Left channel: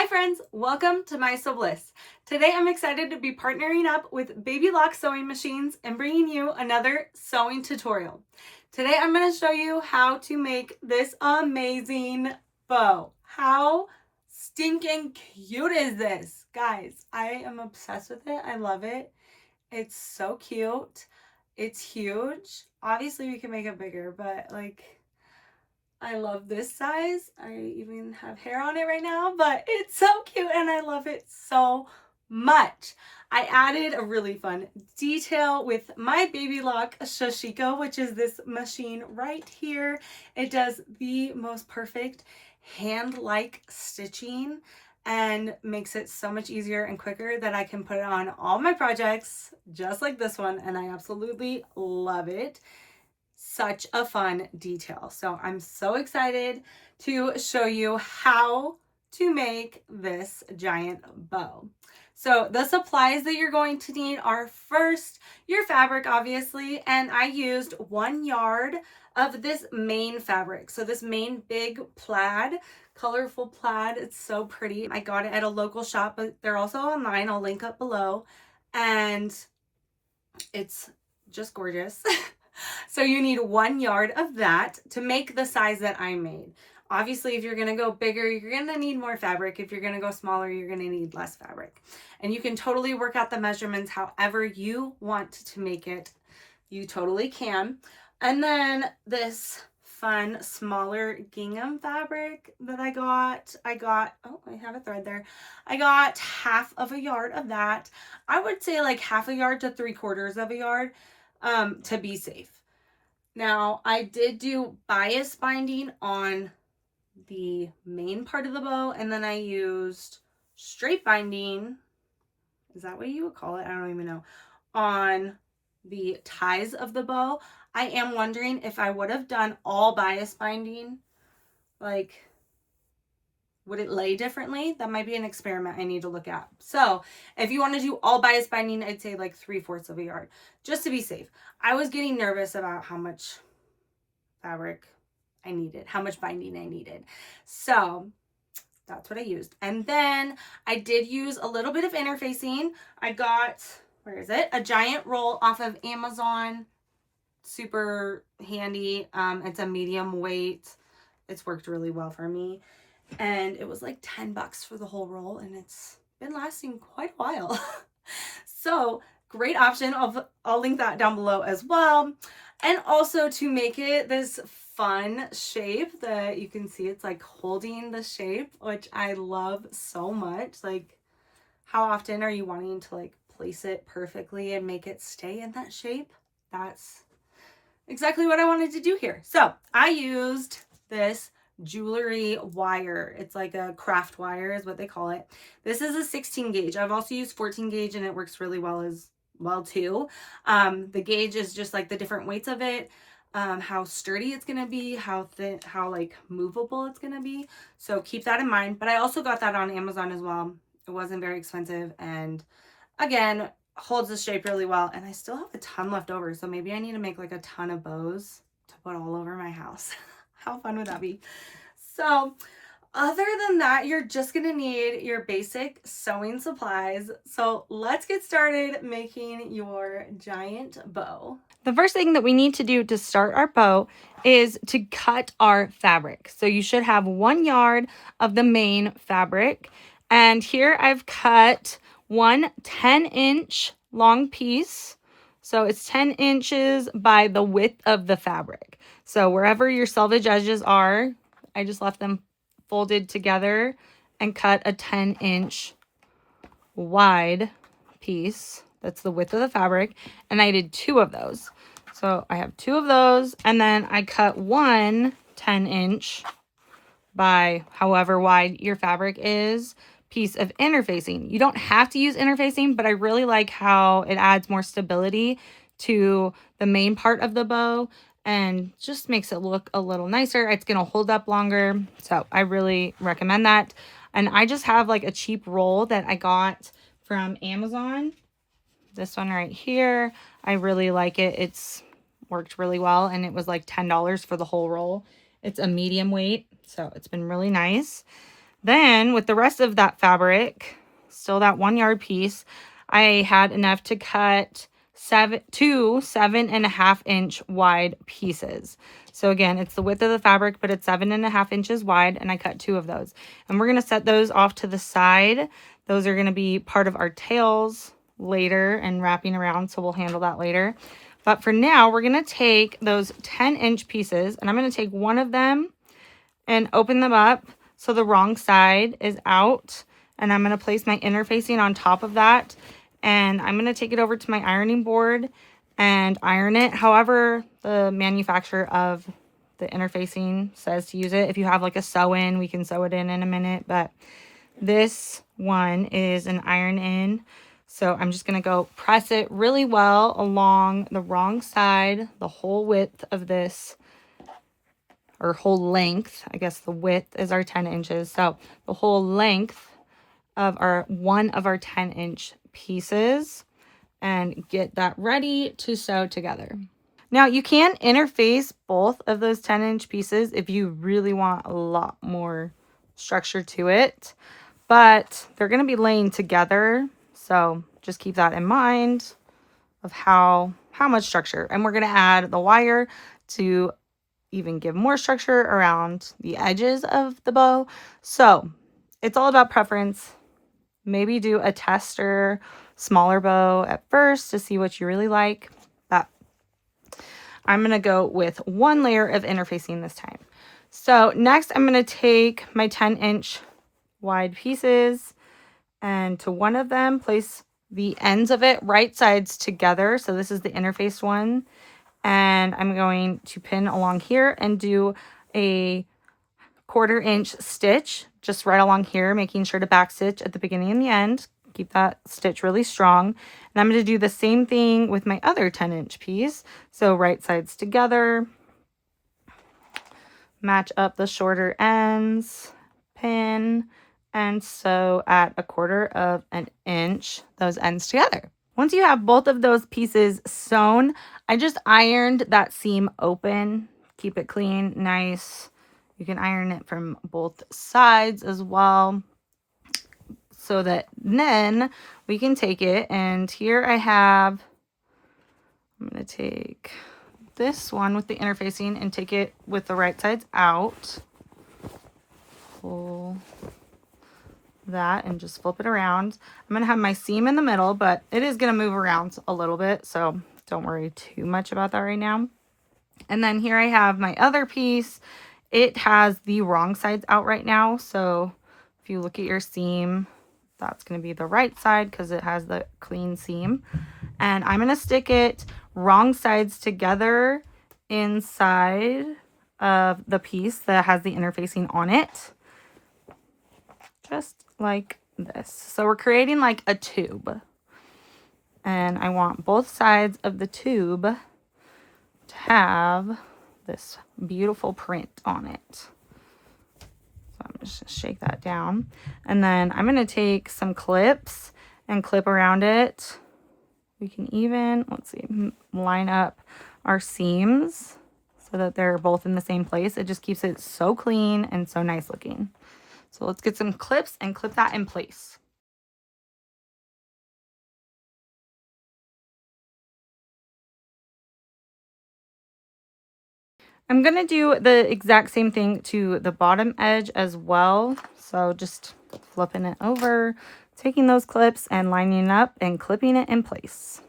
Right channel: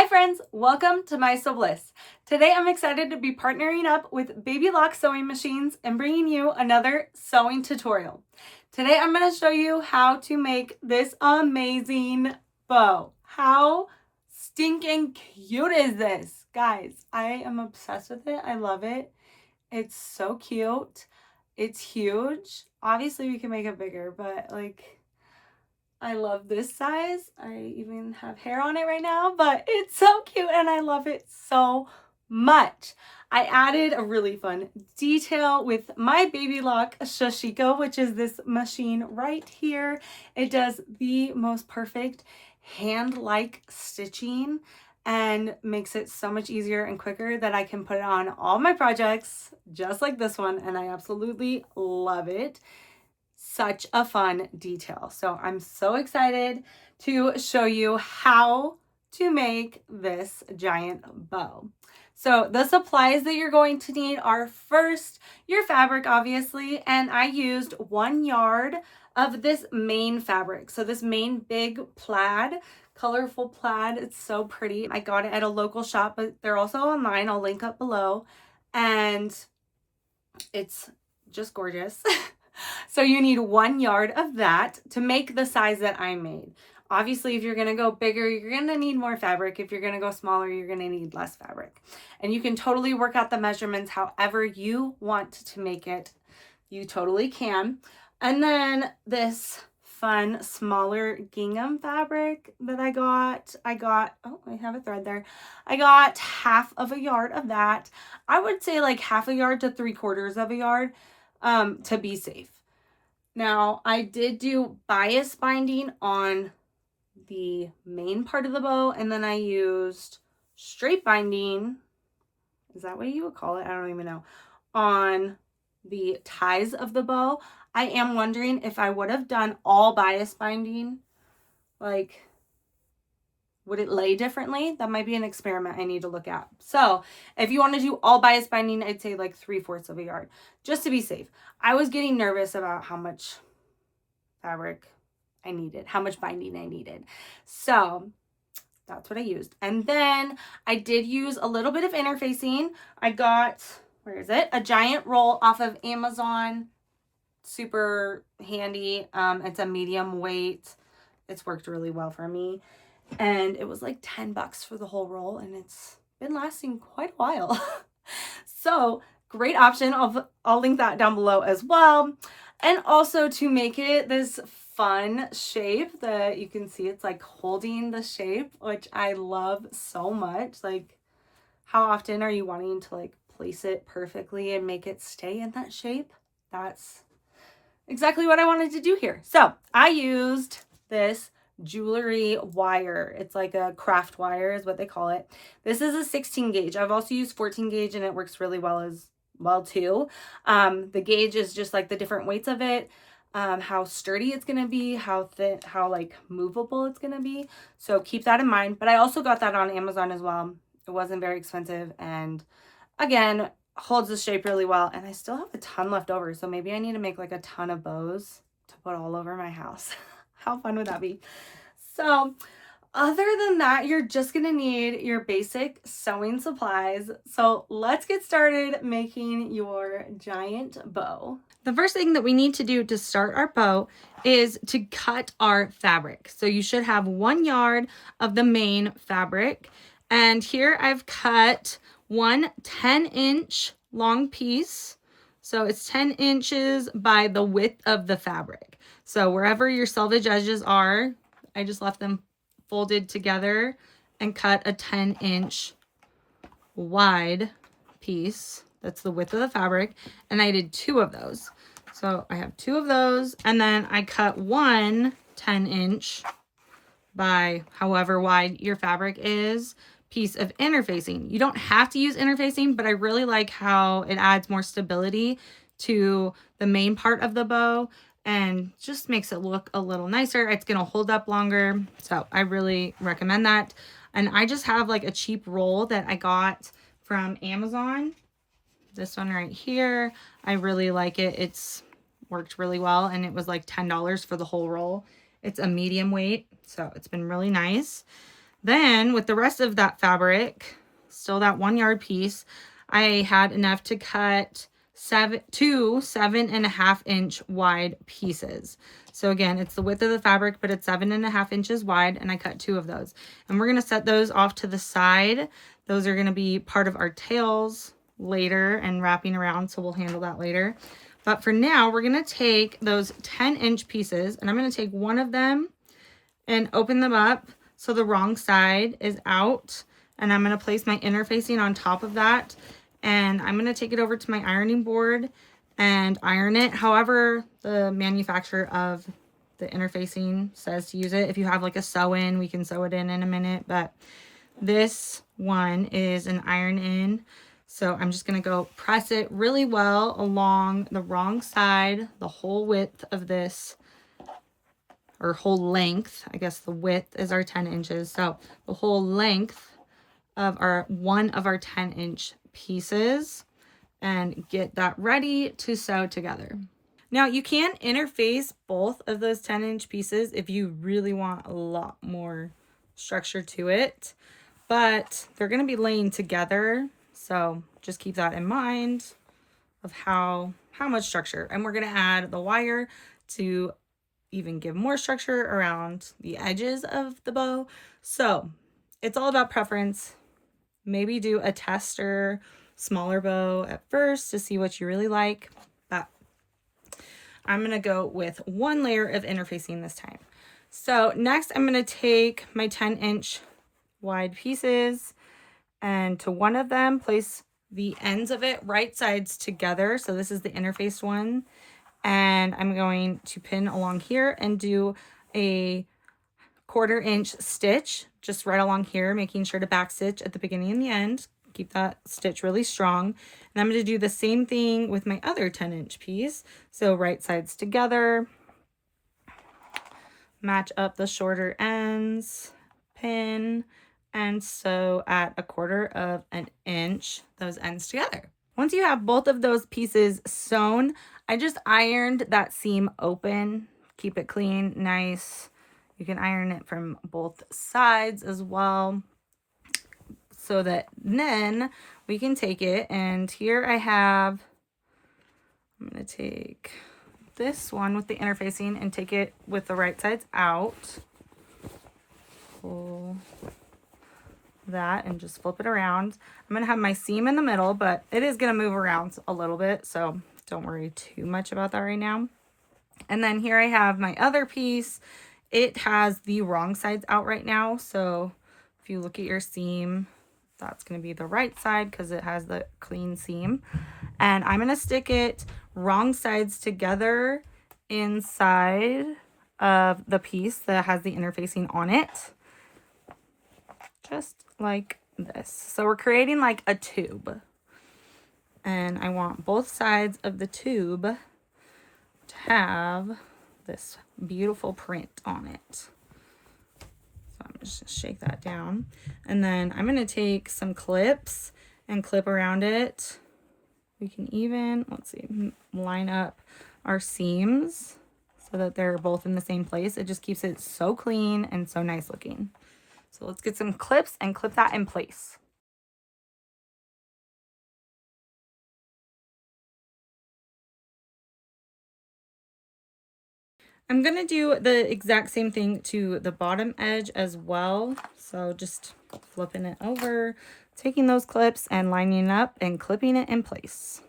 Hi friends, welcome to My Sew Bliss. Today I'm excited to be partnering up with Baby Lock sewing machines and bringing you another sewing tutorial. Today I'm going to show you how to make this amazing bow. How stinking cute is this? Guys, I am obsessed with it. I love it. It's so cute. It's huge. Obviously we can make it bigger, but I love this size. I even have hair on it right now, but it's so cute and I love it so much. I added a really fun detail with my Baby Lock Sashiko, which is this machine right here. It does the most perfect hand-like stitching and makes it so much easier and quicker that I can put it on all my projects just like this one, and I absolutely love it. Such a fun detail. So I'm so excited to show you how to make this giant bow. So the supplies that you're going to need are first your fabric, obviously, and I used 1 yard of this main fabric. So this main big plaid, colorful plaid. It's so pretty. I got it at a local shop, but they're also online. I'll link up below, and it's just gorgeous. So you need 1 yard of that to make the size that I made. Obviously, if you're going to go bigger, you're going to need more fabric. If you're going to go smaller, you're going to need less fabric. And you can totally work out the measurements however you want to make it. You totally can. And then this fun, smaller gingham fabric that I got, oh, I have a thread there. I got half of a yard of that. I would say like half a yard to 3/4 of a yard. To be safe. Now, I did do bias binding on the main part of the bow, and then I used straight binding, is that what you would call it? I don't even know, on the ties of the bow. I am wondering if I would have done all bias binding, like, would it lay differently? That might be an experiment I need to look at. So if you want to do all bias binding, I'd say like 3/4 of a yard, just to be safe. I was getting nervous about how much fabric I needed, how much binding I needed. So that's what I used. And then I did use a little bit of interfacing. I got, where is it? A giant roll off of Amazon. Super handy. It's a medium weight. It's worked really well for me. And it was like 10 bucks for the whole roll, and it's been lasting quite a while. So great option. I'll link that down below as well. And also to make it this fun shape that you can see, it's like holding the shape, which I love so much. Like, how often are you wanting to like place it perfectly and make it stay in that shape? That's exactly what I wanted to do here. So I used this jewelry wire. It's like a craft wire is what they call it. This is a 16 gauge. I've also used 14 gauge and it works really well as well too. The gauge is just like the different weights of it, how sturdy it's going to be, how thin, how like movable it's going to be. So keep that in mind. But I also got that on Amazon as well. It wasn't very expensive, and again, holds the shape really well. And I still have a ton left over, so maybe I need to make like a ton of bows to put all over my house. How fun would that be? So other than that, you're just gonna need your basic sewing supplies. So let's get started making your giant bow. The first thing that we need to do to start our bow is to cut our fabric. So you should have 1 yard of the main fabric. And here I've cut one 10-inch long piece. So it's 10 inches by the width of the fabric. So wherever your selvage edges are, I just left them folded together and cut a 10-inch wide piece. That's the width of the fabric. And I did 2 of those. So I have 2 of those. And then I cut one 10-inch by however wide your fabric is piece of interfacing. You don't have to use interfacing, but I really like how it adds more stability to the main part of the bow and just makes it look a little nicer. It's going to hold up longer. So I really recommend that. And I just have like a cheap roll that I got from Amazon. This one right here. I really like it. It's worked really well, and it was like $10 for the whole roll. It's a medium weight, so it's been really nice. Then with the rest of that fabric, still that 1 yard piece, I had enough to cut two 7.5 inch wide pieces. So again, it's the width of the fabric, but it's 7.5 inches wide, and I cut 2 of those. And we're gonna set those off to the side. Those are gonna be part of our tails later and wrapping around, so we'll handle that later. But for now, we're gonna take those 10-inch pieces, and I'm gonna take one of them and open them up so the wrong side is out. And I'm gonna place my interfacing on top of that. And I'm gonna take it over to my ironing board and iron it however the manufacturer of the interfacing says to use it. If you have like a sew-in, we can sew it in a minute, but this one is an iron in. So I'm just gonna go press it really well along the wrong side, the whole width of this, or whole length. I guess the width is our 10 inches. So the whole length of our one of our 10-inch pieces, and get that ready to sew together. Now you can interface both of those 10-inch pieces if you really want a lot more structure to it, but they're going to be laying together. So just keep that in mind of how much structure. And we're going to add the wire to even give more structure around the edges of the bow. So it's all about preference. Maybe do a tester smaller bow at first to see what you really like, but I'm going to go with 1 layer of interfacing this time. So next I'm going to take my 10-inch wide pieces, and to one of them place the ends of it right sides together. So this is the interfaced one, and I'm going to pin along here and do a 1/4 inch stitch just right along here, making sure to back stitch at the beginning and the end. Keep that stitch really strong. And I'm going to do the same thing with my other 10-inch piece. So right sides together, match up the shorter ends, pin, and sew at 1/4 inch those ends together. Once you have both of those pieces sewn, I just ironed that seam open. Keep it clean, nice. You can iron it from both sides as well, so that then we can take it. And here I have, I'm going to take this one with the interfacing and take it with the right sides out. Pull that and just flip it around. I'm going to have my seam in the middle, but it is going to move around a little bit, so don't worry too much about that right now. And then here I have my other piece. It has the wrong sides out right now, so if you look at your seam, that's going to be the right side because it has the clean seam. And I'm going to stick it wrong sides together inside of the piece that has the interfacing on it, just like this. So we're creating like a tube, and I want both sides of the tube to have this beautiful print on it. So I'm just gonna shake that down, and then I'm going to take some clips and clip around it. We can even, let's see, line up our seams so that they're both in the same place. It just keeps it so clean and so nice looking. So let's get some clips and clip that in place. I'm going to do the exact same thing to the bottom edge as well. So just flipping it over, taking those clips and lining up and clipping it in place.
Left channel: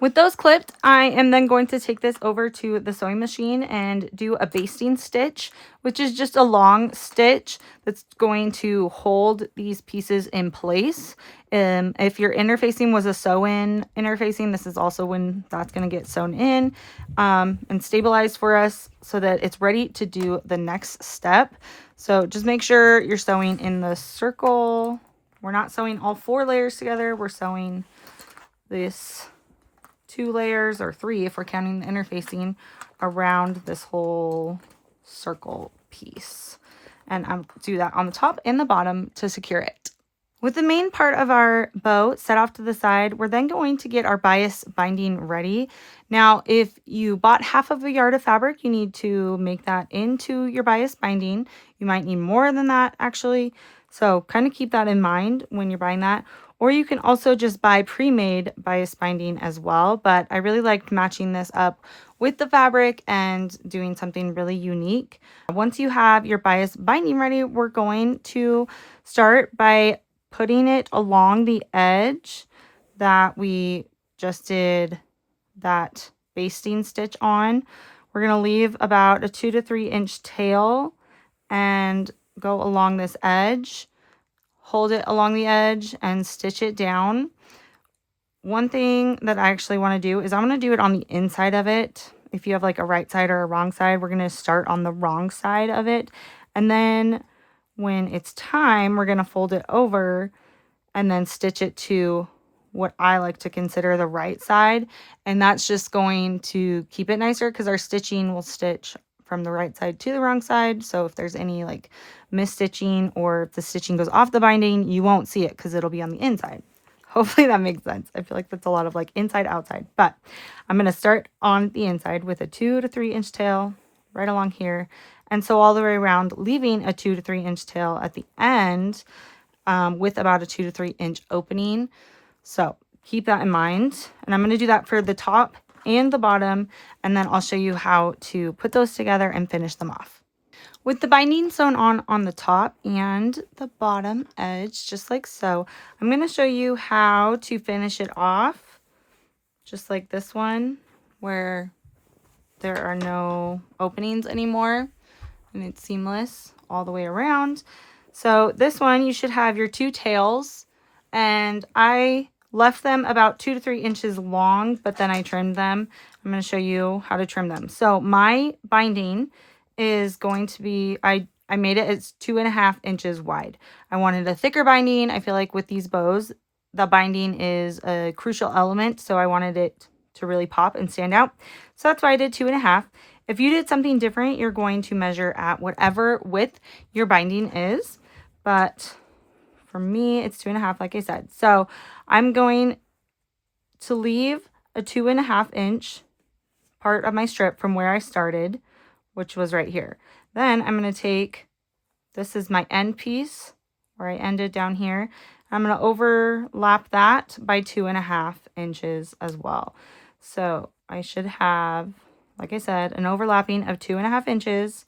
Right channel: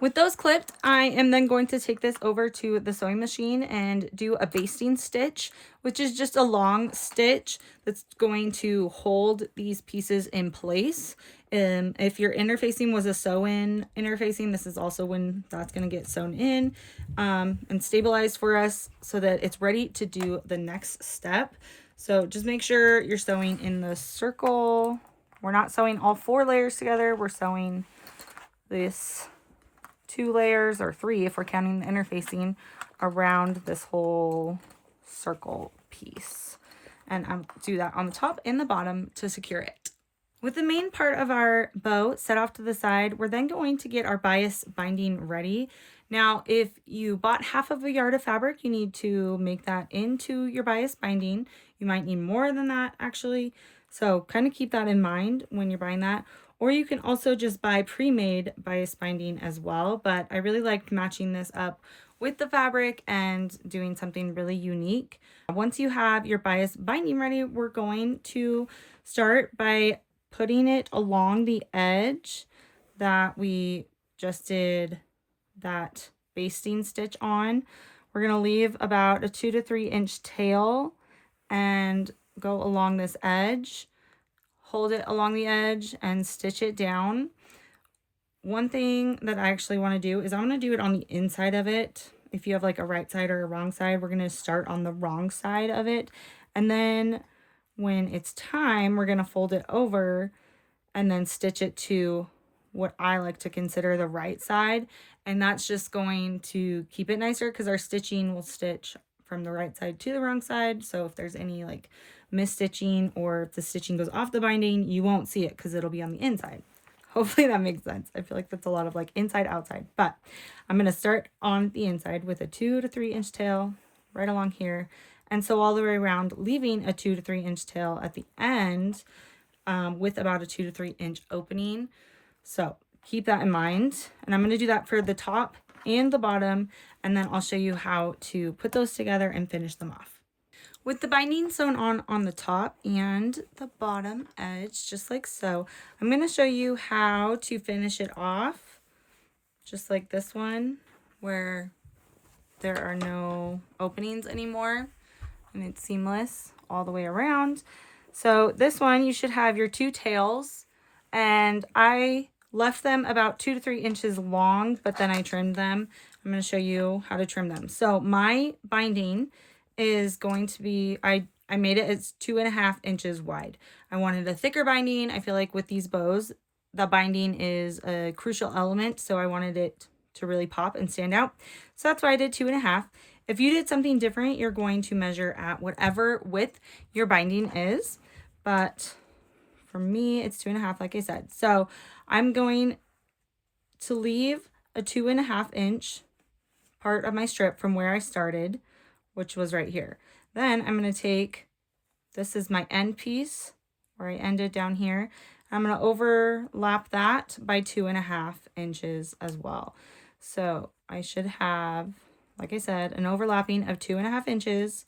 With those clipped, I am then going to take this over to the sewing machine and do a basting stitch, which is just a long stitch that's going to hold these pieces in place. If your interfacing was a sew-in interfacing, this is also when that's going to get sewn in and stabilized for us so that it's ready to do the next step. So just make sure you're sewing in the circle. We're not sewing all 4 layers together. We're sewing this 2 layers, or 3 if we're counting the interfacing, around this whole circle piece. And I'll do that on the top and the bottom to secure it. With the main part of our bow set off to the side, we're then going to get our bias binding ready. Now, if you bought half of a yard of fabric, you need to make that into your bias binding. You might need more than that actually. So kind of keep that in mind when you're buying that. Or you can also just buy pre-made bias binding as well. But I really liked matching this up with the fabric and doing something really unique. Once you have your bias binding ready, we're going to start by putting it along the edge that we just did that basting stitch on. We're going to leave about a 2 to 3 inch tail and go along this edge, hold it along the edge and stitch it down. One thing that I actually want to do is I'm going to do it on the inside of it. If you have like a right side or a wrong side, we're going to start on the wrong side of it. And then when it's time, we're going to fold it over and then stitch it to what I like to consider the right side. And that's just going to keep it nicer because our stitching will stitch from the right side to the wrong side. So if there's any like misstitching or if the stitching goes off the binding, you won't see it because it'll be on the inside. Hopefully that makes sense. I feel like that's a lot of like inside outside, but I'm going to start on the inside with a 2 to 3 inch tail right along here. And so all the way around, leaving a 2 to 3 inch tail at the end, with about a 2 to 3 inch opening. So keep that in mind. And I'm going to do that for the top and the bottom. And then I'll show you how to put those together and finish them off. With the binding sewn on the top and the bottom edge, just like so, I'm going to show you how to finish it off. Just like this one, where there are no openings anymore. And it's seamless all the way around. So this one, you should have your 2 tails, and I left them about 2 to 3 inches long, but then I trimmed them. I'm going to show you how to trim them. So my binding is going to be, I made it as 2.5 inches wide. I wanted a thicker binding. I feel like with these bows, the binding is a crucial element, so I wanted it to really pop and stand out. So that's why I did 2.5. If you did something different, you're going to measure at whatever width your binding is. But for me, it's 2.5, like I said. So I'm going to leave a 2.5 inch part of my strip from where I started, which was right here. Then I'm going to take, this is my end piece where I ended down here. I'm going to overlap that by 2.5 inches as well. So I should have, like I said, an overlapping of 2.5 inches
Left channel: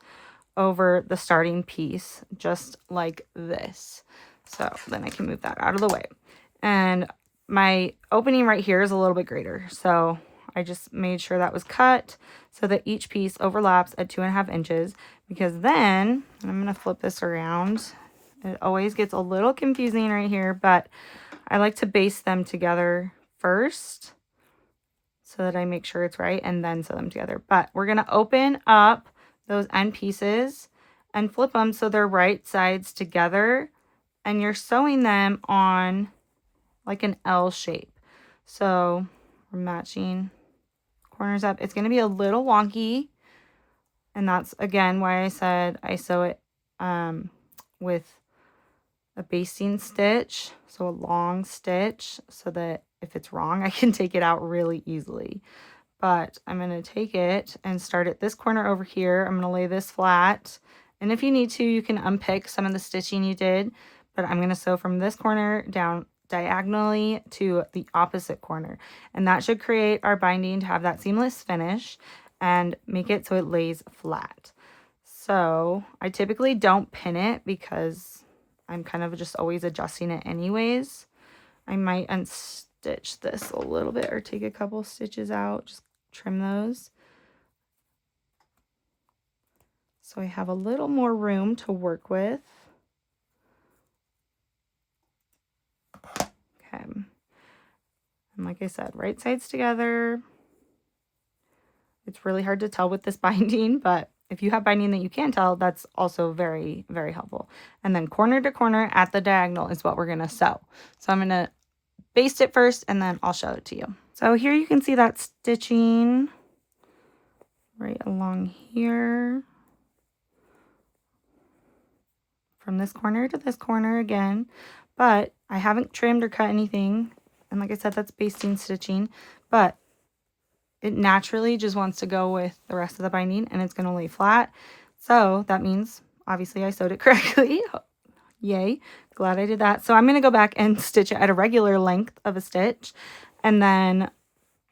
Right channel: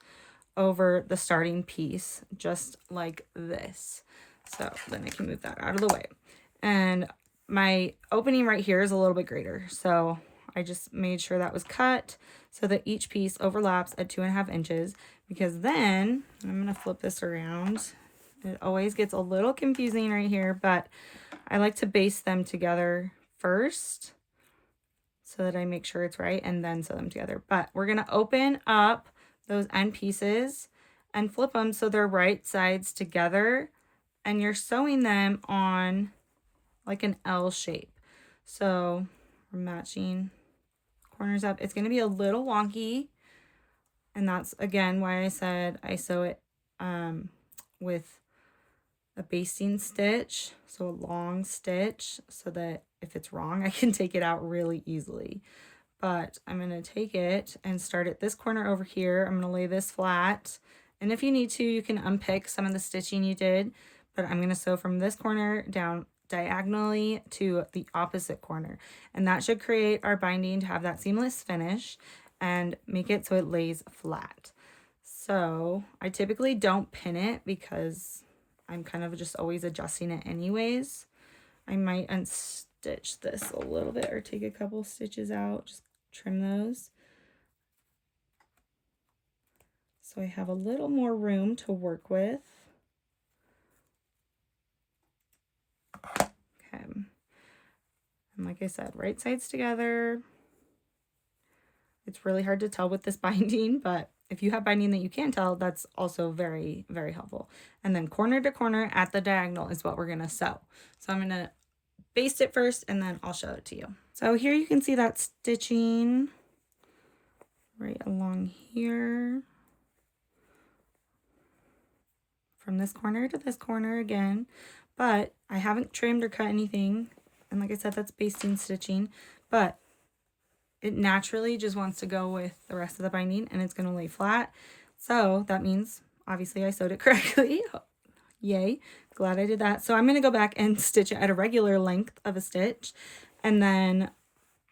over the starting piece, just like this. So then I can move that out of the way. And my opening right here is a little bit greater. So I just made sure that was cut so that each piece overlaps at 2.5 inches, because then, I'm going to flip this around. It always gets a little confusing right here, but I like to baste them together first so that I make sure it's right and then sew them together. But we're going to open up those end pieces and flip them so they're right sides together, and you're sewing them on like an L shape. So we're matching corners up. It's going to be a little wonky, and that's again why I said I sew it with a basting stitch, so a long stitch, so that if it's wrong I can take it out really easily. But I'm going to take it and start at this corner over here. I'm going to lay this flat, and if you need to, you can unpick some of the stitching you did, but I'm going to sew from this corner down diagonally to the opposite corner, and that should create our binding to have that seamless finish and make it so it lays flat. So I typically don't pin it because I'm kind of just always adjusting it anyways. I might unstitch this a little bit or take a couple stitches out, just trim those, so I have a little more room to work with. Okay, and like I said, right sides together. It's really hard to tell with this binding, but if you have binding that you can tell, that's also very, very helpful. And then corner to corner at the diagonal is what we're going to sew. So I'm going to baste it first, and then I'll show it to you. So here you can see that stitching right along here. From this corner to this corner again. but I haven't trimmed or cut anything. And like I said, that's basting stitching, but it naturally just wants to go with the rest of the binding and it's going to lay flat. So that means obviously I sewed it correctly. Yay. Glad I did that. So I'm going to go back and stitch it at a regular length of a stitch and then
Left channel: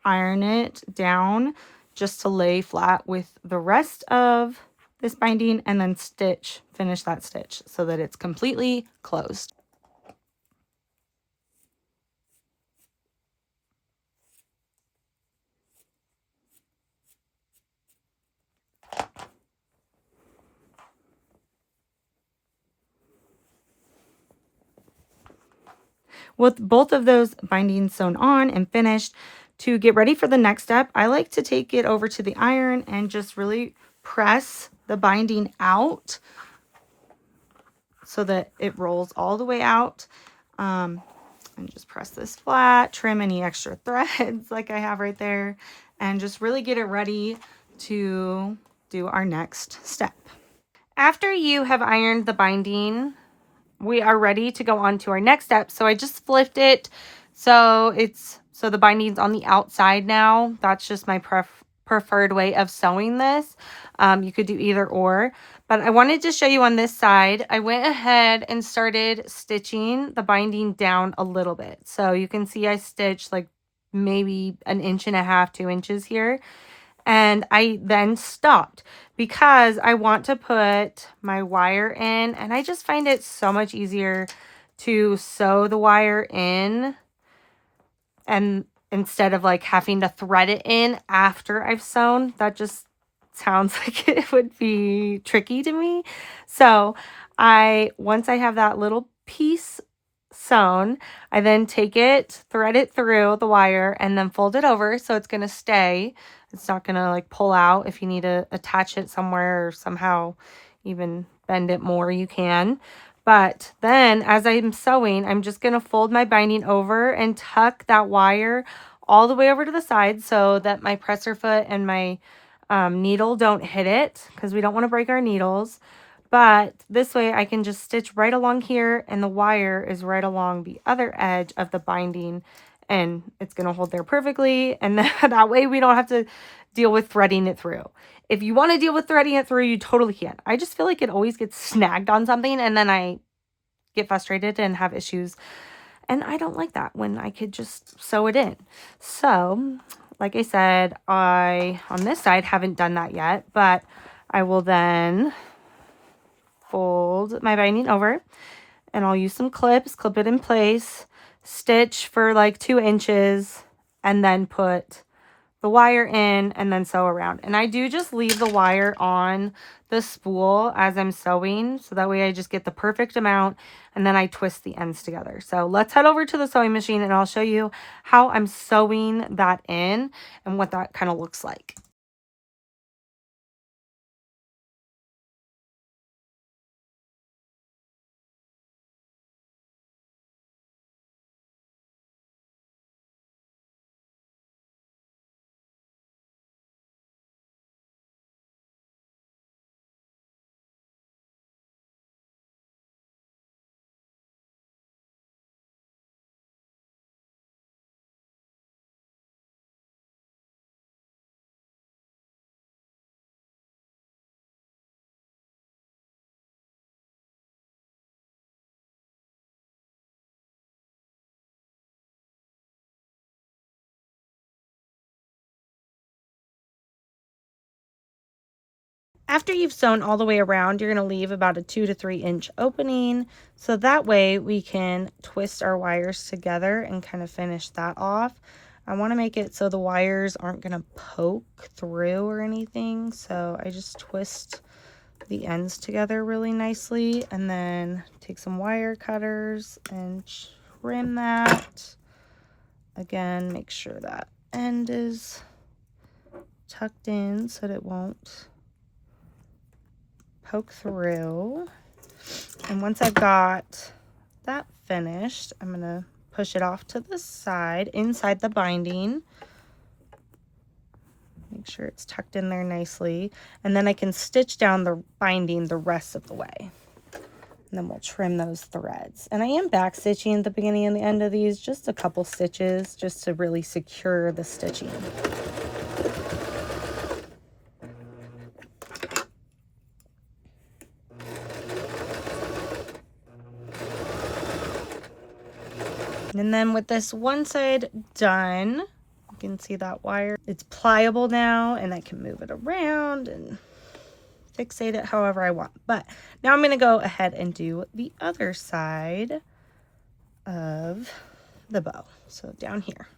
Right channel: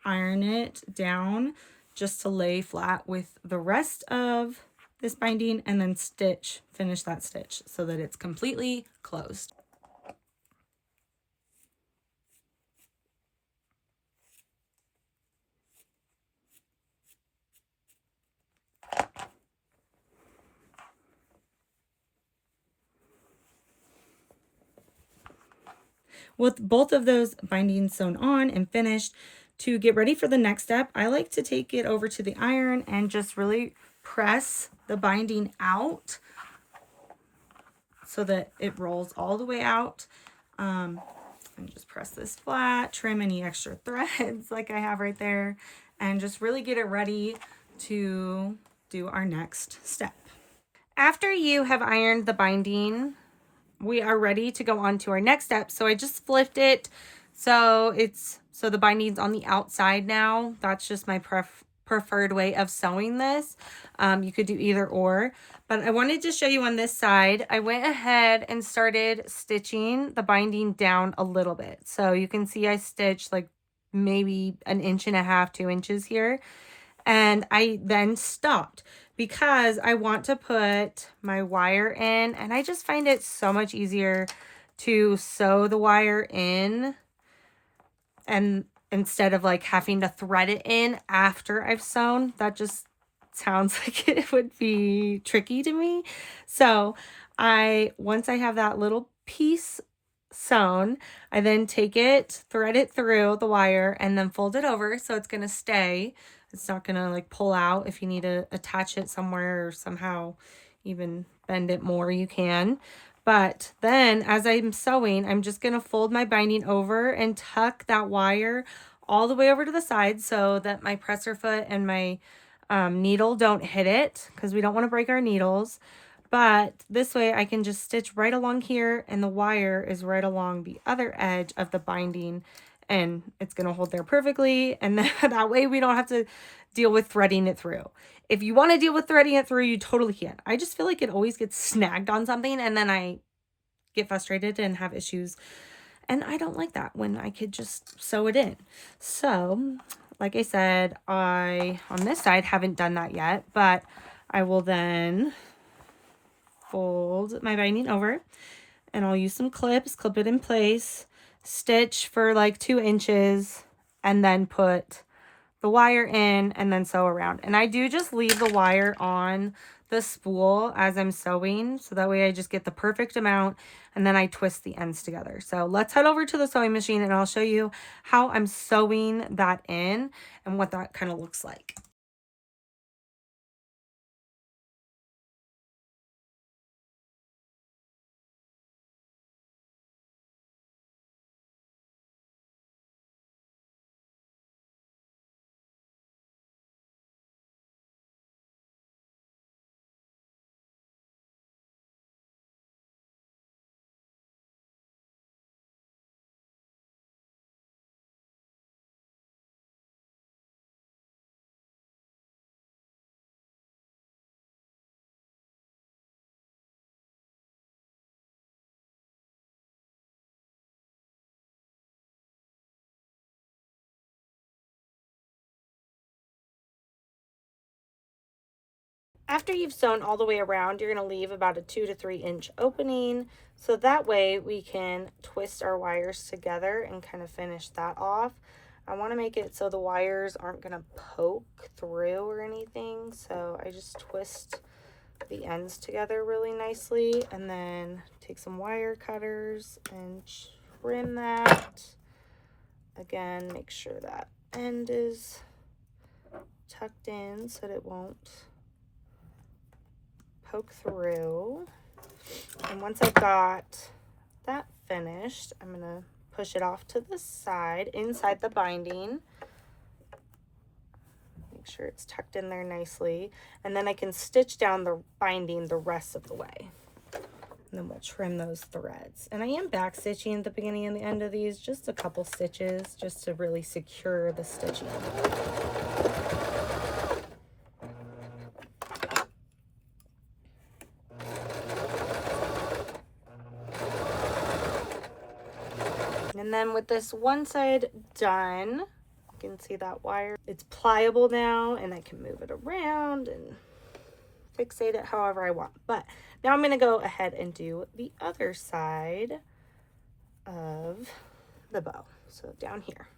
iron it down just to lay flat with the rest of this binding and then finish that stitch so that it's completely closed. With both of those bindings sewn on and finished, to get ready for the next step, I like to take it over to the iron and just really press the binding out so that it rolls all the way out. And just press this flat, trim any extra threads like I have right there, and just really get it ready to do our next step. After you have ironed the binding, we are ready to go on to our next step. So I just flipped it so the binding's on the outside now. That's just my preferred way of sewing this. You could do either or, but I wanted to show you on this side. I went ahead and started stitching the binding down a little bit. So you can see I stitched like maybe 1.5 inches, 2 inches here. And I then stopped because I want to put my wire in, and I just find it so much easier to sew the wire in and instead of like having to thread it in after I've sewn. That just sounds like it would be tricky to me. So once I have that little piece sewn, I then take it, thread it through the wire, and then fold it over so it's going to stay. It's not going to like pull out. If you need to attach it somewhere or somehow even bend it more, you can. But then as I'm sewing, I'm just going to fold my binding over and tuck that wire all the way over to the side so that my presser foot and my needle don't hit it, because we don't want to break our needles. But this way I can just stitch right along here and the wire is right along the other edge of the binding and it's going to hold there perfectly. And then that way we don't have to deal with threading it through. If you want to deal with threading it through, you totally can. I just feel like it always gets snagged on something and then I get frustrated and have issues. And I don't like that when I could just sew it in. So, like I said, I, on this side, haven't done that yet, but I will then fold my binding over and I'll use some clips, clip it in place, stitch for like 2 inches, and then put the wire in and then sew around. And I do just leave the wire on the spool as I'm sewing, so that way I just get the perfect amount and then I twist the ends together. So let's head over to the sewing machine and I'll show you how I'm sewing that in and what that kind of looks like. After you've sewn all the way around, you're going to leave about a 2 to 3 inch opening. So that way we can twist our wires together and kind of finish that off. I want to make it so the wires aren't going to poke through or anything. So I just twist the ends together really nicely and then take some wire cutters and trim that. Again, make sure that end is tucked in so that it won't poke through. And once I've got that finished, I'm going to push it off to the side inside the binding. Make sure it's tucked in there nicely. And then I can stitch down the binding the rest of the way. And then we'll trim those threads. And I am back stitching at the beginning and the end of these, just a couple stitches, just to really secure the stitching. And then with this one side done, you can see that wire. It's pliable now, and I can move it around and fixate it however I want. But now I'm going to go ahead and do the other side of the bow. So down here.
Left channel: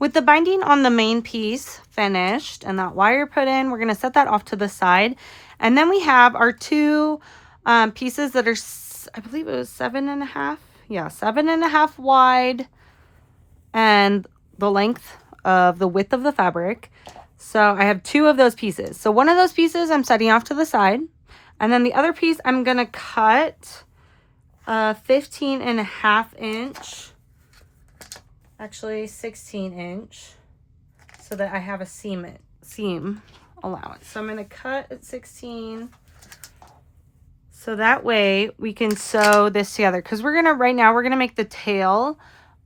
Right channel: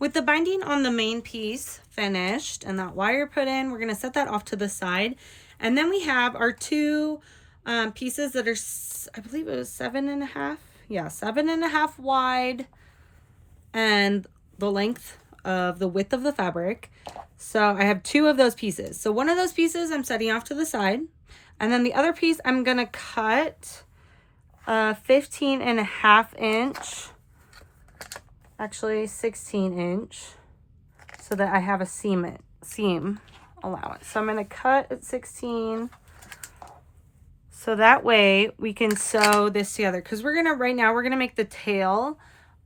With the binding on the main piece finished and that wire put in, we're going to set that off to the side. And then we have our two pieces that are, I believe it was 7.5. Yeah, 7.5 wide and the length of the width of the fabric. So I have two of those pieces. So one of those pieces I'm setting off to the side. And then the other piece I'm going to cut 15.5 inch. Actually 16 inch, so that I have a seam allowance. So I'm going to cut at 16, so that way we can sew this together, because right now we're gonna make the tail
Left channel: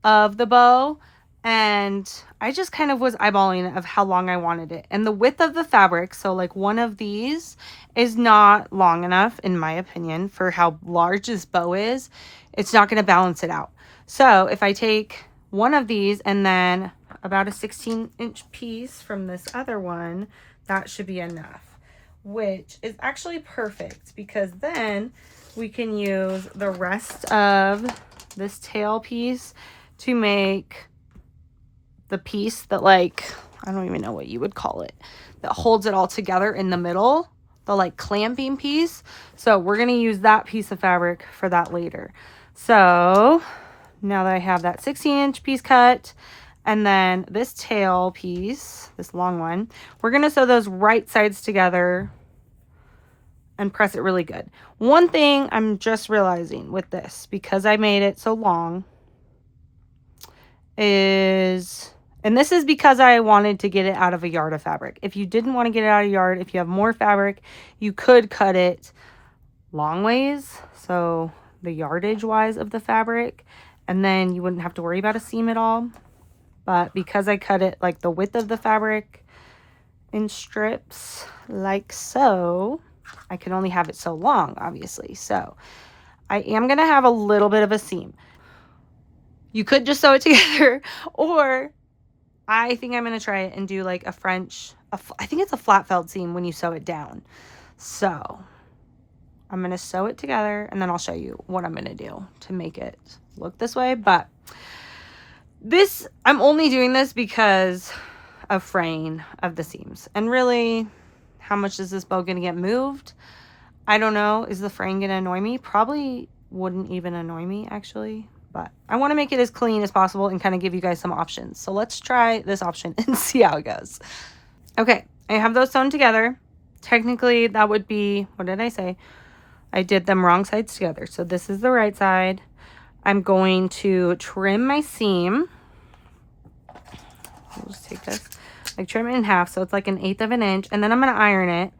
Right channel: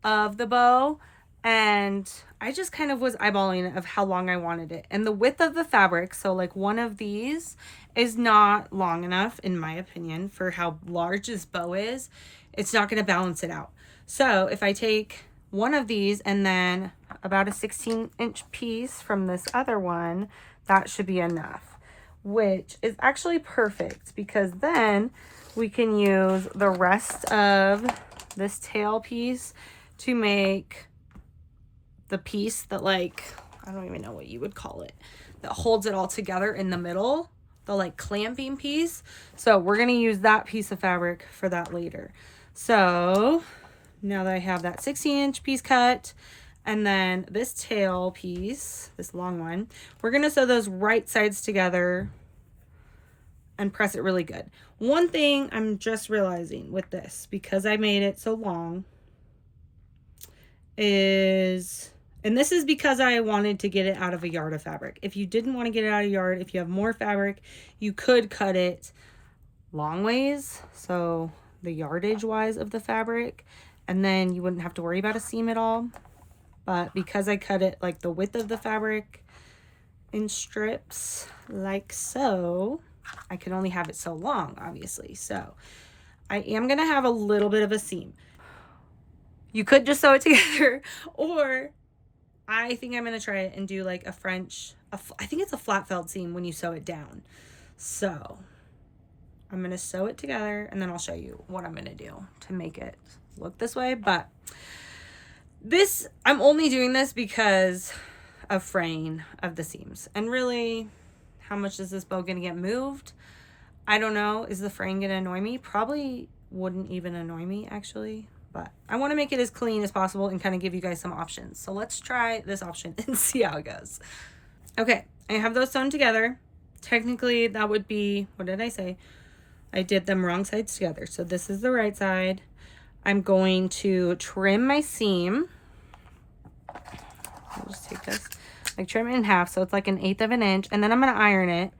of the bow, and I just kind of was eyeballing of how long I wanted it, and the width of the fabric, so like one of these is not long enough in my opinion for how large this bow is. It's not going to balance it out. So if I take one of these and then about a 16-inch piece from this other one, that should be enough, which is actually perfect, because then we can use the rest of this tail piece to make the piece that, like, I don't even know what you would call it, that holds it all together in the middle, the like clamping piece. So we're going to use that piece of fabric for that later. So now that I have that 16-inch piece cut, and then this tail piece, this long one, we're going to sew those right sides together and press it really good. One thing I'm just realizing with this, because I made it so long, is, and this is because I wanted to get it out of a yard of fabric. If you didn't want to get it out of a yard, if you have more fabric, you could cut it long ways, so the yardage wise of the fabric, and then you wouldn't have to worry about a seam at all. But because I cut it like the width of the fabric in strips like so, I can only have it so long, obviously. So I am going to have a little bit of a seam. You could just sew it together, or I think I'm going to try it and do like a French, I think it's a flat felt seam when you sew it down. So I'm going to sew it together, and then I'll show you what I'm going to do to make it look this way. But this, I'm only doing this because of fraying of the seams. And really, how much is this bow going to get moved? I don't know. Is the fraying going to annoy me? Probably wouldn't even annoy me, actually. But I want to make it as clean as possible and kind of give you guys some options. So let's try this option and see how it goes. Okay, I have those sewn together. Technically, that would be, what did I say? I did them wrong sides together. So this is the right side. I'm going to trim my seam. I'll just take this. I trim it in half, so it's like 1/8 of an inch. And then I'm going to iron it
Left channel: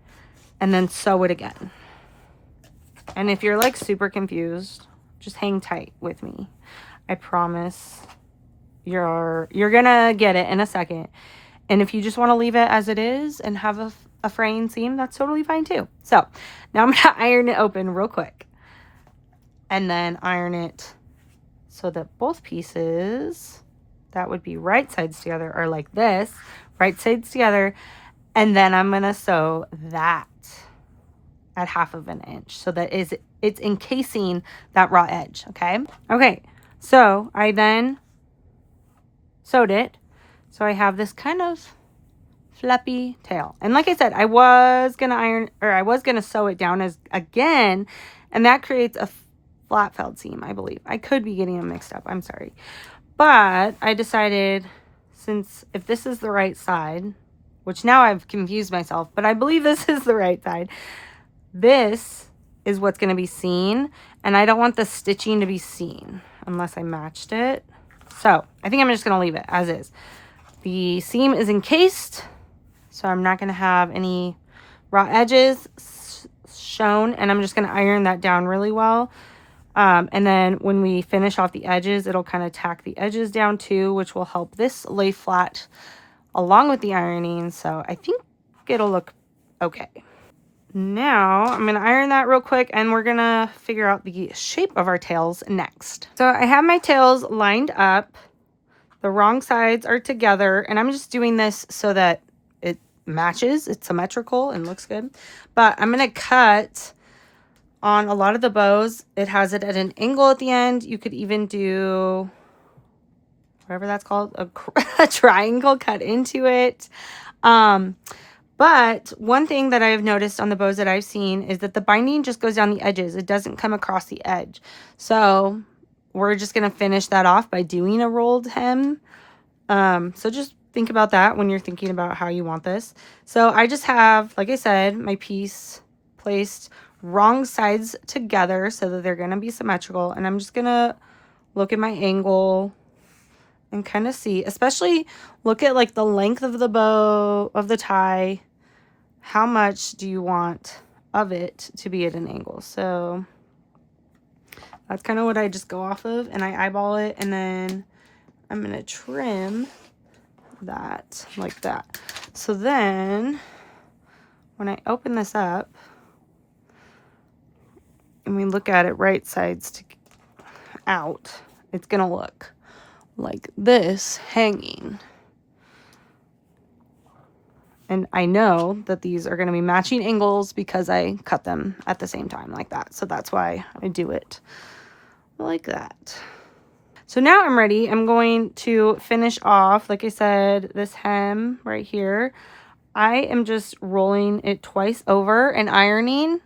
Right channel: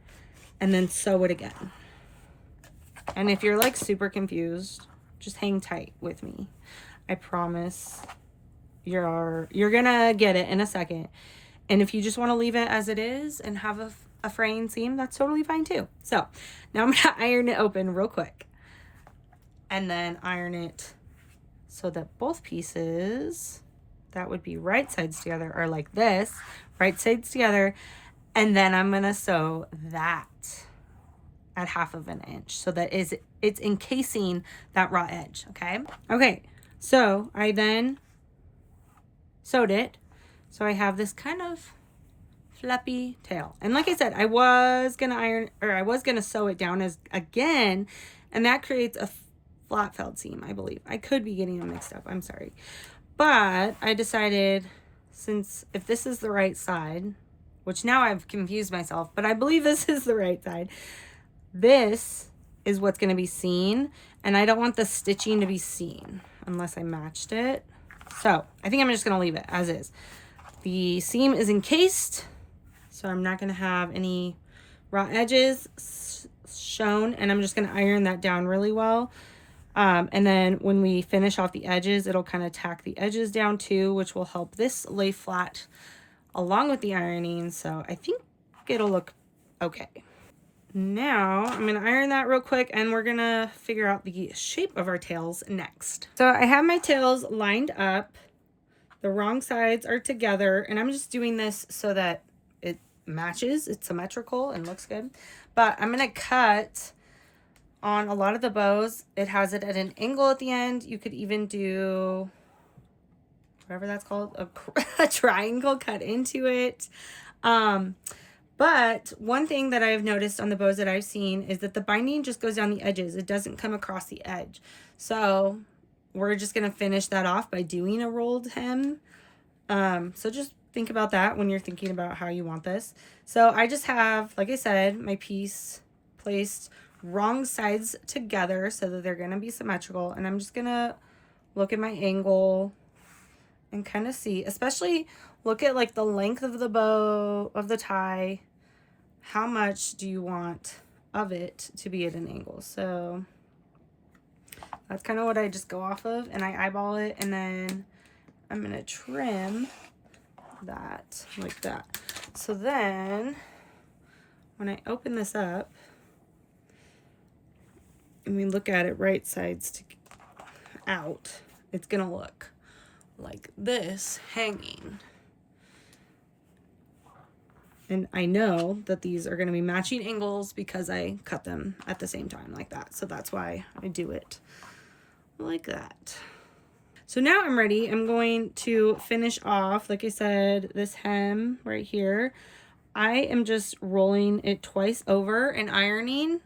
and then sew it again. And if you're like super confused, just hang tight with me. I promise you're gonna get it in a second. And if you just want to leave it as it is and have a fraying seam, that's totally fine too. So now I'm gonna iron it open real quick, and then iron it so that both pieces, that would be right sides together, are like this, right sides together. And then I'm gonna sew that at 1/2 of an inch, so that it's encasing that raw edge. Okay, so I then sewed it, so I have this kind of fluffy tail. And like I said, I was gonna sew it down as again, and that creates a flat felled seam, I believe. I could be getting them mixed up, I'm sorry. But I decided, since if this is the right side, which now I've confused myself, but I believe this is the right side, this is what's going to be seen, and I don't want the stitching to be seen unless I matched it. So I think I'm just going to leave it as is. The seam is encased, so I'm not going to have any raw edges shown, and I'm just going to iron that down really well. And then when we finish off the edges, it'll kind of tack the edges down too, which will help this lay flat along with the ironing. So I think it'll look okay. Now I'm going to iron that real quick, and we're going to figure out the shape of our tails next. So I have my tails lined up. The wrong sides are together, and I'm just doing this so that it matches, it's symmetrical and looks good. But I'm going to cut on a lot of the bows. It has it at an angle at the end. You could even do whatever that's called, a triangle cut into it. But one thing that I've noticed on the bows that I've seen is that the binding just goes down the edges. It doesn't come across the edge. So we're just going to finish that off by doing a rolled hem. So just think about that when you're thinking about how you want this. So I just have, like I said, my piece placed wrong sides together so that they're going to be symmetrical. And I'm just going to look at my angle and kind of see, especially look at like the length of the bow, of the tie. How much do you want of it to be at an angle? So that's kind of what I just go off of, and I eyeball it, and then I'm going to trim that like that. So then when I open this up and we look at it right sides out, it's going to look like this hanging. And I know that these are going to be matching angles because I cut them at the same time like that. So that's why I do it like that. So now I'm ready. I'm going to finish off, like I said, this hem right here. I am just rolling it twice over and ironing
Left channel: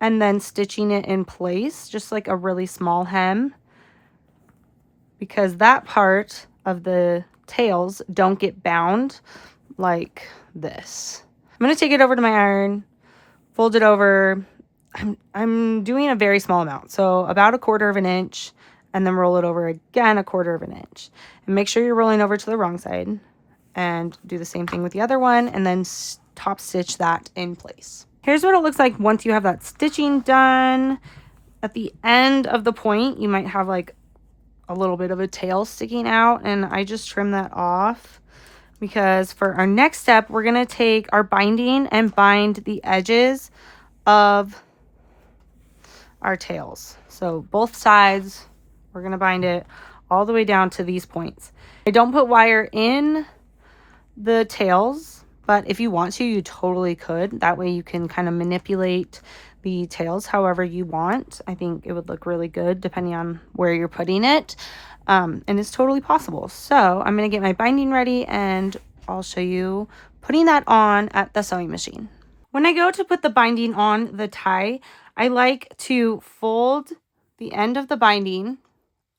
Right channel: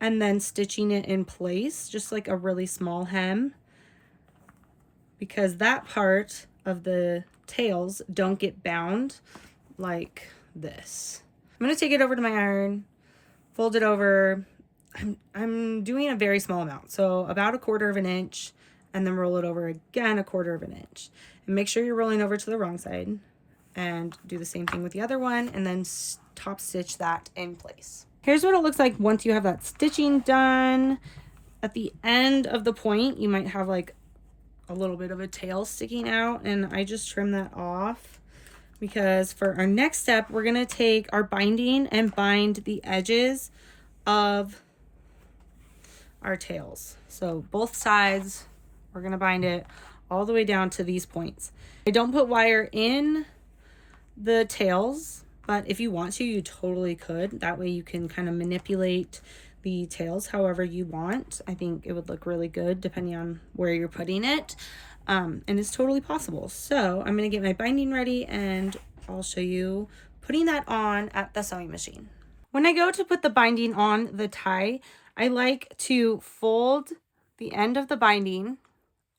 and then stitching it in place, just like a really small hem, because that part of the tails don't get bound like this. I'm going to take it over to my iron, fold it over. I'm doing a very small amount, so about 1/4 of an inch, and then roll it over again 1/4 of an inch. And make sure you're rolling over to the wrong side, and do the same thing with the other one, and then top stitch that in place. Here's what it looks like once you have that stitching done. At the end of the point, you might have like a little bit of a tail sticking out, and I just trim that off. Because for our next step, we're going to take our binding and bind the edges of our tails. So both sides, we're going to bind it all the way down to these points. I don't put wire in the tails, but if you want to, you totally could. That way you can kind of manipulate the tails however you want. I think it would look really good depending on where you're putting it. And it's totally possible. So I'm going to get my binding ready, and I'll show you putting that on at the sewing machine. When I go to put the binding on the tie, I like to fold the end of the binding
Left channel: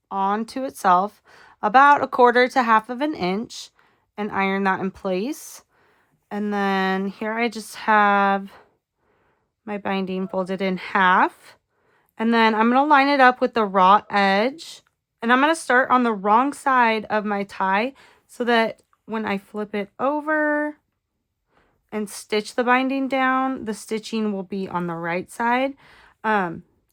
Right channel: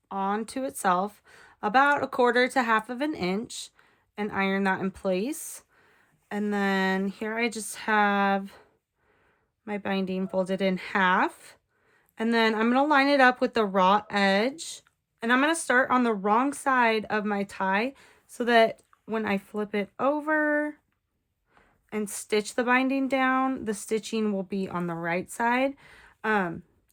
onto itself about 1/4 to 1/2 of an inch and iron that in place. And then here I just have my binding folded in half. And then I'm going to line it up with the raw edge. And I'm going to start on the wrong side of my tie so that when I flip it over and stitch the binding down, the stitching will be on the right side,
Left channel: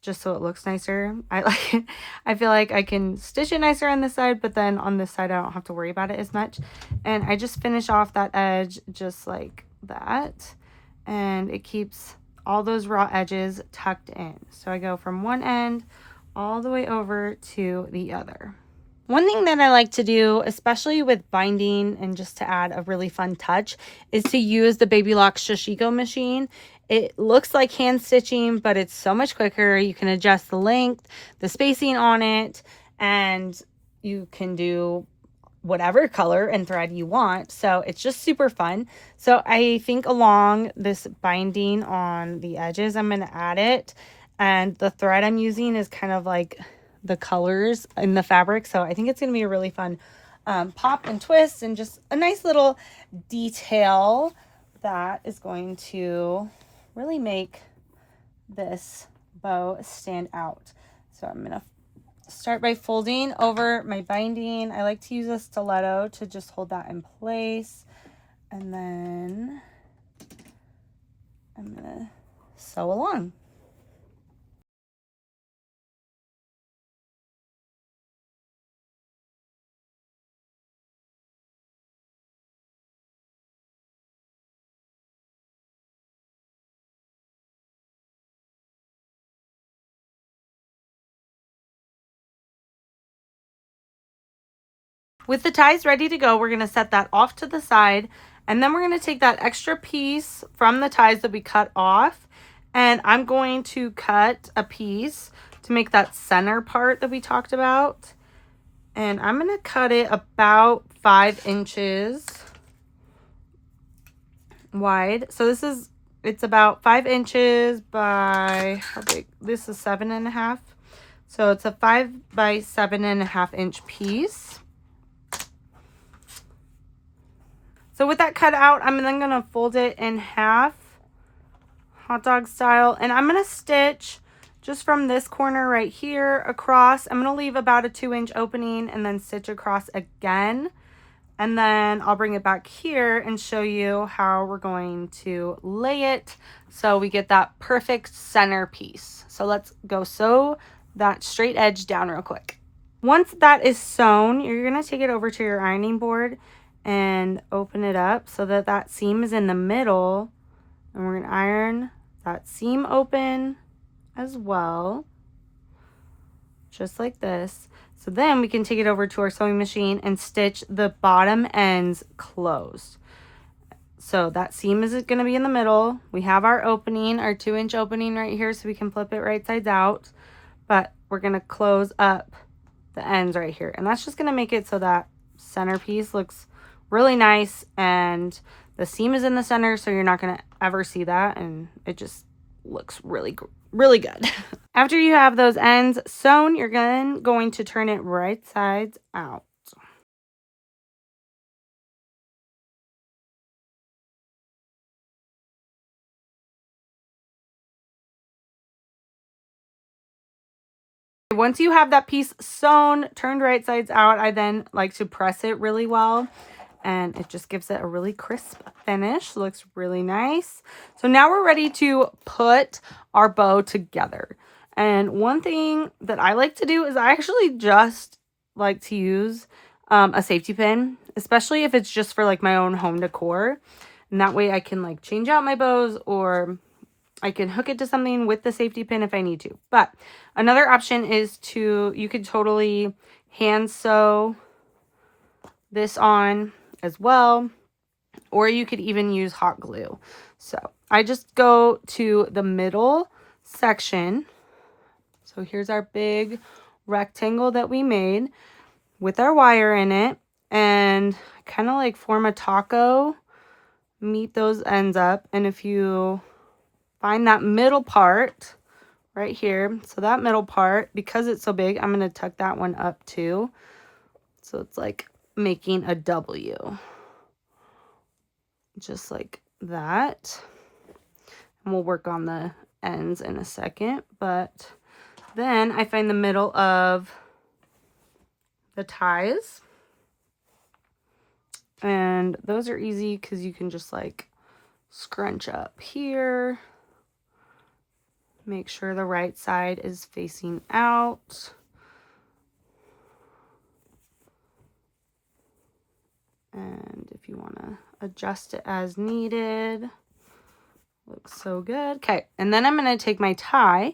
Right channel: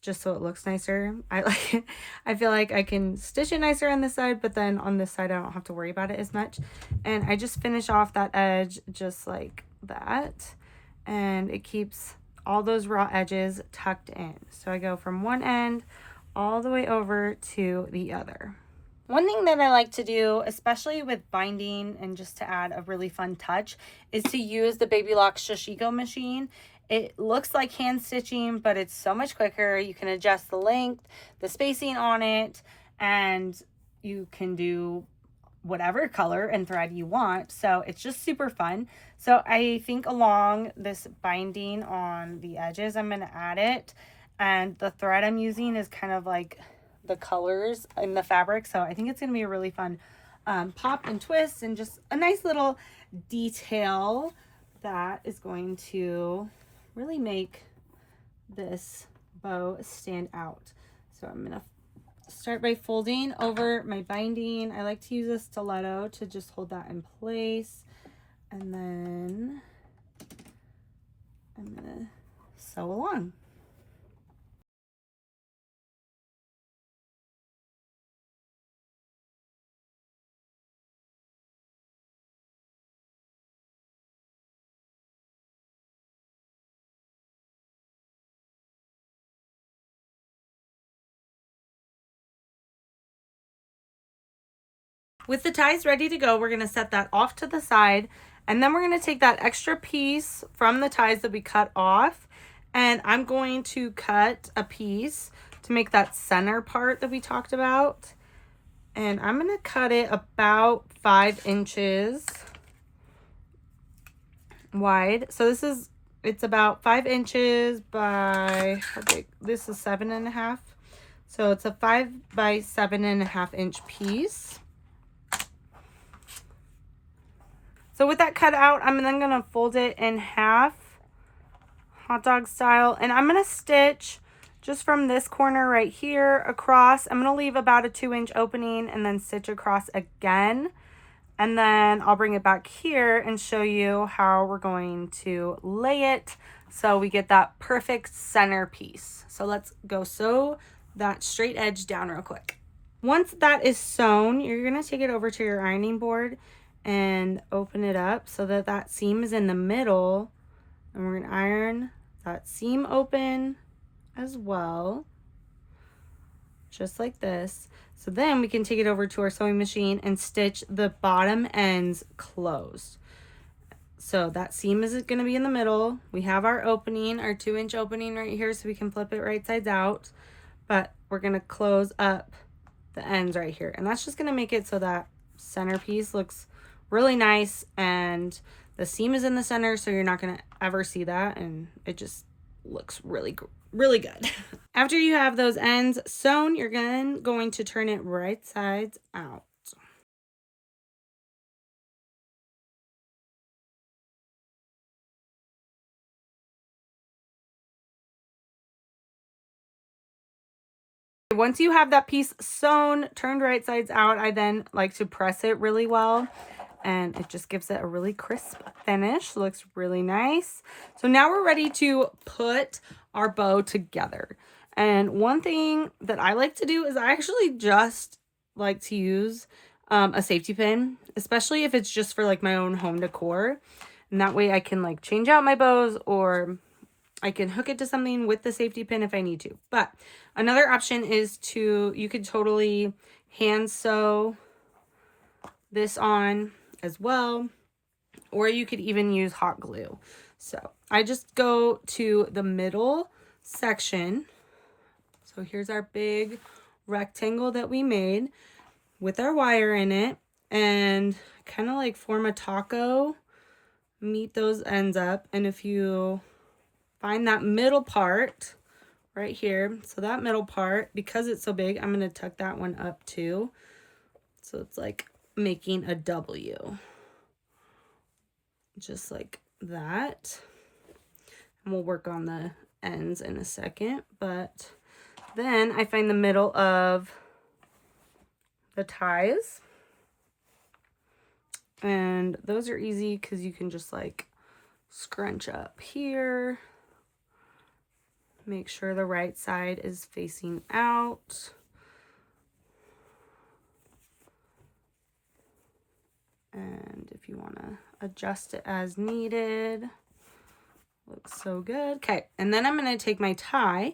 just so it looks nicer. I feel like I can stitch it nicer on this side, but then on this side I don't have to worry about it as much. And I just finish off that edge just like that, and it keeps all those raw edges tucked in. So I go from one end all the way over to the other. One thing that I like to do, especially with binding and just to add a really fun touch, is to use the Lock Sashiko machine. It looks like hand stitching, but it's so much quicker. You can adjust the length, the spacing on it, and you can do whatever color and thread you want. So it's just super fun. So I think along this binding on the edges, I'm going to add it. And the thread I'm using is kind of like the colors in the fabric. So I think it's going to be a really fun pop and twist, and just a nice little detail that is going to really make this bow stand out. So I'm going to start by folding over my binding. I like to use a stiletto to just hold that in place. And then I'm going to sew along. With the ties ready to go, we're going to set that off to the side, and then we're going to take that extra piece from the ties that we cut off, and I'm going to cut a piece to make that center part that we talked about, and I'm going to cut it about 5 inches wide. So it's about 5 inches by, how big? This is 7.5. So it's a 5 by 7.5 inch piece. So with that cut out, I'm then going to fold it in half, hot dog style, and I'm going to stitch just from this corner right here across. I'm going to leave about a 2-inch opening and then stitch across again. And then I'll bring it back here and show you how we're going to lay it so we get that perfect center piece. So let's go sew that straight edge down real quick. Once that is sewn, you're going to take it over to your ironing board and open it up so that that seam is in the middle, and we're going to iron that seam open as well, just like this. So then we can take it over to our sewing machine and stitch the bottom ends closed. So that seam is going to be in the middle. We have our opening, our 2-inch opening right here, so we can flip it right sides out, but we're going to close up the ends right here, and that's just going to make it so that centerpiece looks really nice, and the seam is in the center, so you're not going to ever see that, and it just looks really good. After you have those ends sewn, you're going to turn it right sides out. Once you have that piece sewn, turned right sides out, I then like to press it really well, and it just gives it a really crisp finish. Looks really nice. So now we're ready to put our bow together. And one thing that I like to do is I actually just like to use a safety pin, especially if it's just for like my own home decor. And that way I can like change out my bows, or I can hook it to something with the safety pin if I need to. But another option is you could totally hand sew this on as well, or you could even use hot glue. So I just go to the middle section. So here's our big rectangle that we made with our wire in it, and kind of like form a taco, meet those ends up. And if you find that middle part right here, so that middle part, because it's so big, I'm going to tuck that one up too. So it's like making a W, just like that. And we'll work on the ends in a second, but then I find the middle of the ties, and those are easy because you can just like scrunch up here, make sure the right side is facing out, and if you want to adjust it as needed. Looks so good. Okay, and then I'm going to take my tie,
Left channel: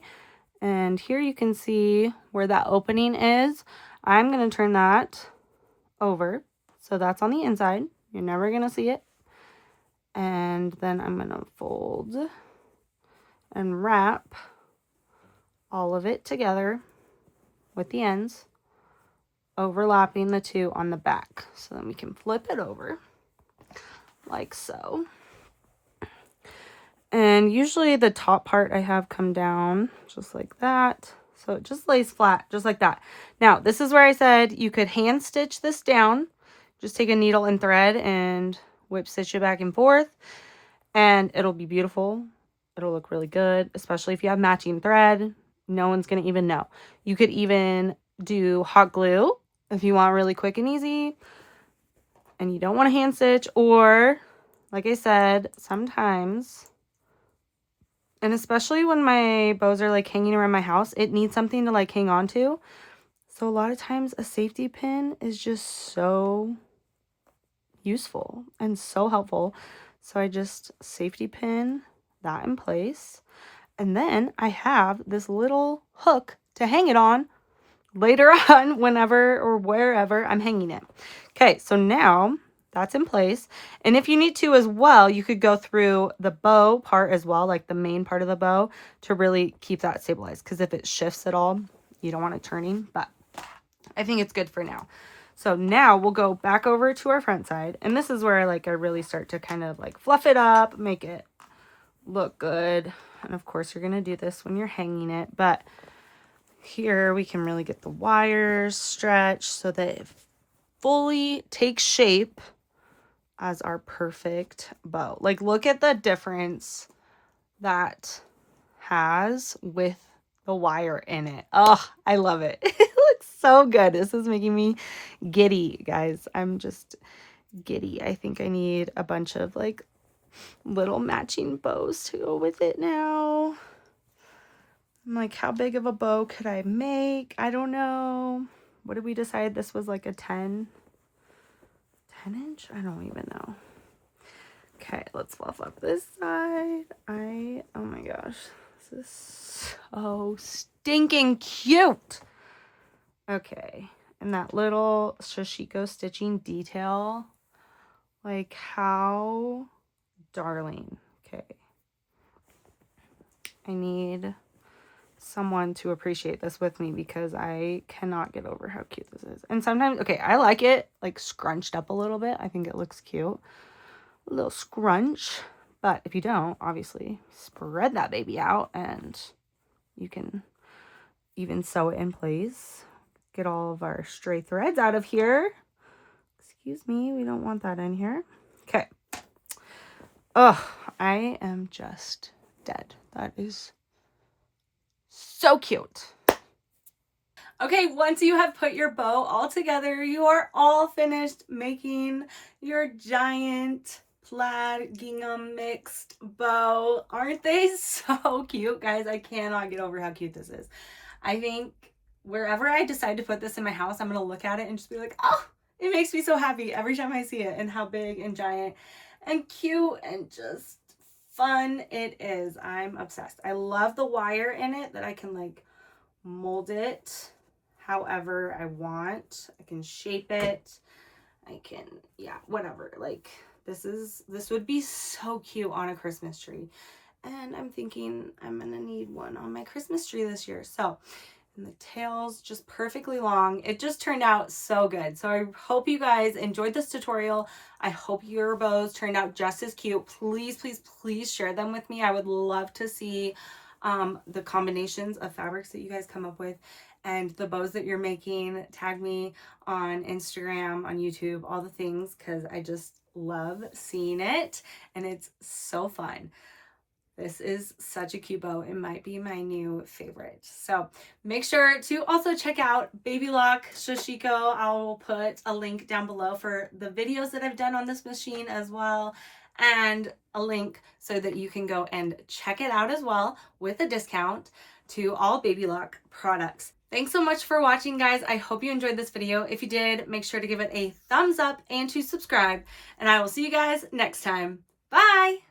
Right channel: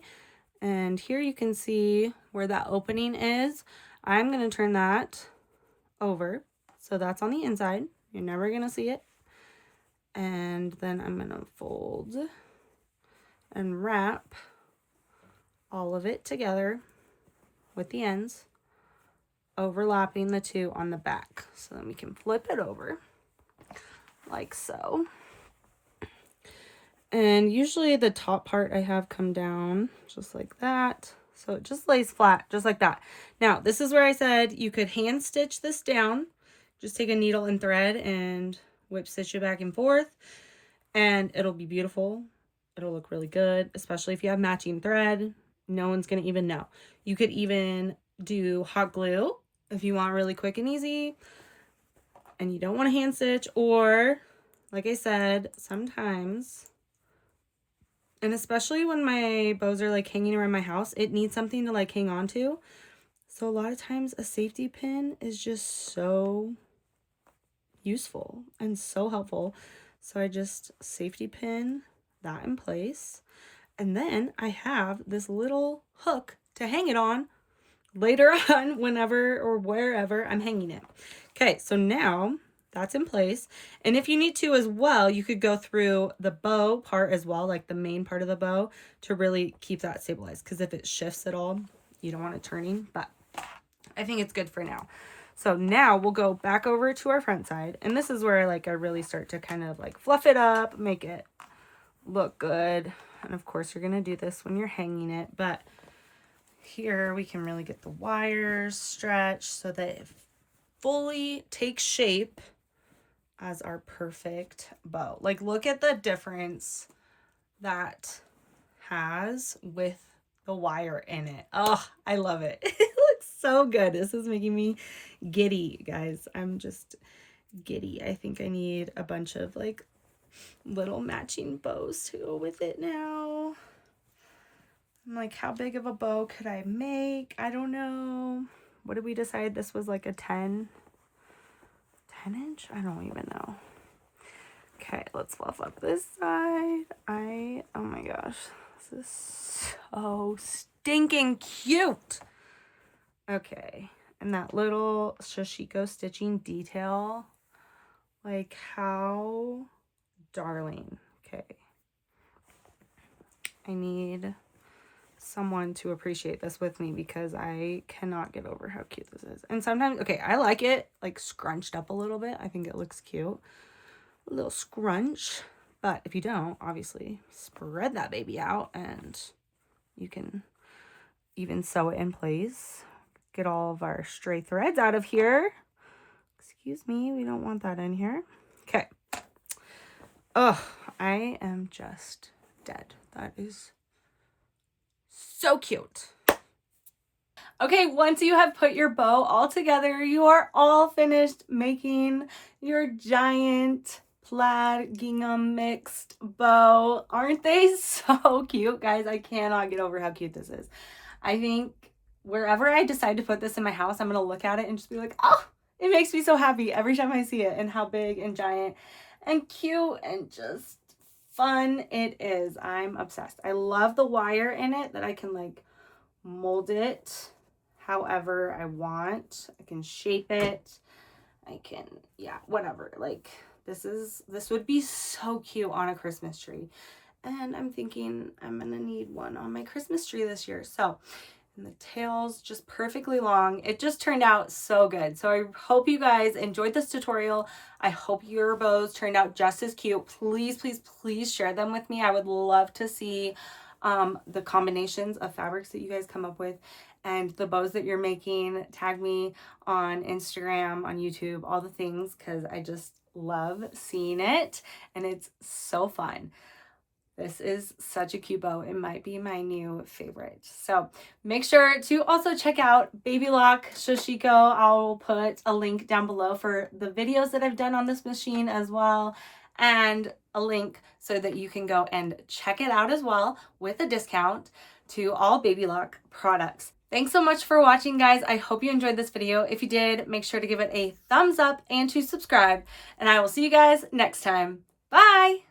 and here you can see where that opening is. I'm going to turn that over, so that's on the inside. You're never going to see it. And then I'm going to fold and wrap all of it together with the ends overlapping the two on the back. So then we can flip it over like so. And usually the top part I have come down just like that. So it just lays flat, just like that. Now, this is where I said you could hand stitch this down. Just take a needle and thread and whip stitch it back and forth. And it'll be beautiful. It'll look really good, especially if you have matching thread. No one's going to even know. You could even do hot glue if you want really quick and easy and you don't want to hand stitch. Or, like I said, sometimes... And especially when my bows are like hanging around my house, it needs something to like hang on to. So a lot of times a safety pin is just so useful and so helpful. So I just safety pin that in place. And then I have this little hook to hang it on later on, whenever or wherever I'm hanging it. Okay, so now that's in place. And if you need to as well, you could go through the bow part as well, like the main part of the bow, to really keep that stabilized. Because if it shifts at all, you don't want it turning. But I think it's good for now. So now we'll go back over to our front side. And this is where like I really start to kind of like fluff it up, make it look good. And of course you're going to do this when you're hanging it. But here we can really get the wires stretched so that it fully takes shape as our perfect bow. Like, look at the difference that has with the wire in it. Oh, I love it. It looks so good. This is making me giddy, guys. I'm just giddy. I think I need a bunch of like little matching bows to go with it now. I'm like, how big of a bow could I make? I don't know. What did we decide? This was like a 10 inch? I don't even know. Okay, let's fluff up this side. Oh my gosh, this is so stinking cute. Okay, and that little Sashiko stitching detail, like how darling. Okay, I need someone to appreciate this with me because I cannot get over how cute this is. And sometimes, okay, I like it like scrunched up a little bit. I think it looks cute. A little scrunch. But if you don't, obviously spread that baby out and you can even sew it in place. Get all of our stray threads out of here. Excuse me, we don't want that in here. Okay. Oh, I am just dead. That is so cute. Okay, once you have put your bow all together, you are all finished making your giant plaid gingham mixed bow. Aren't they so cute, guys? I cannot get over how cute this is. I think wherever I decide to put this in my house, I'm going to look at it and just be like, oh, it makes me so happy every time I see it, and how big and giant and cute and just fun it is. I'm obsessed. I love the wire in it that I can like mold it however I want. I can shape it. I can, yeah, whatever. Like this would be so cute on a Christmas tree. And I'm thinking I'm gonna need one on my Christmas tree this year. So, and the tail's just perfectly long. It just turned out so good. So I hope you guys enjoyed this tutorial. I hope your bows turned out just as cute. Please, please, please share them with me. I would love to see the combinations of fabrics that you guys come up with and the bows that you're making. Tag me on Instagram, on YouTube, all the things, because I just love seeing it and it's so fun. This is such a cute bow. It might be my new favorite. So make sure to also check out Baby Lock Sashiko. I'll put a link down below for the videos that I've done on this machine as well, and a link so that you can go and check it out as well with a discount to all Baby Lock products. Thanks so much for watching, guys. I hope you enjoyed this video. If you did, make sure to give it a thumbs up and to subscribe, and I will see you guys next time. Bye!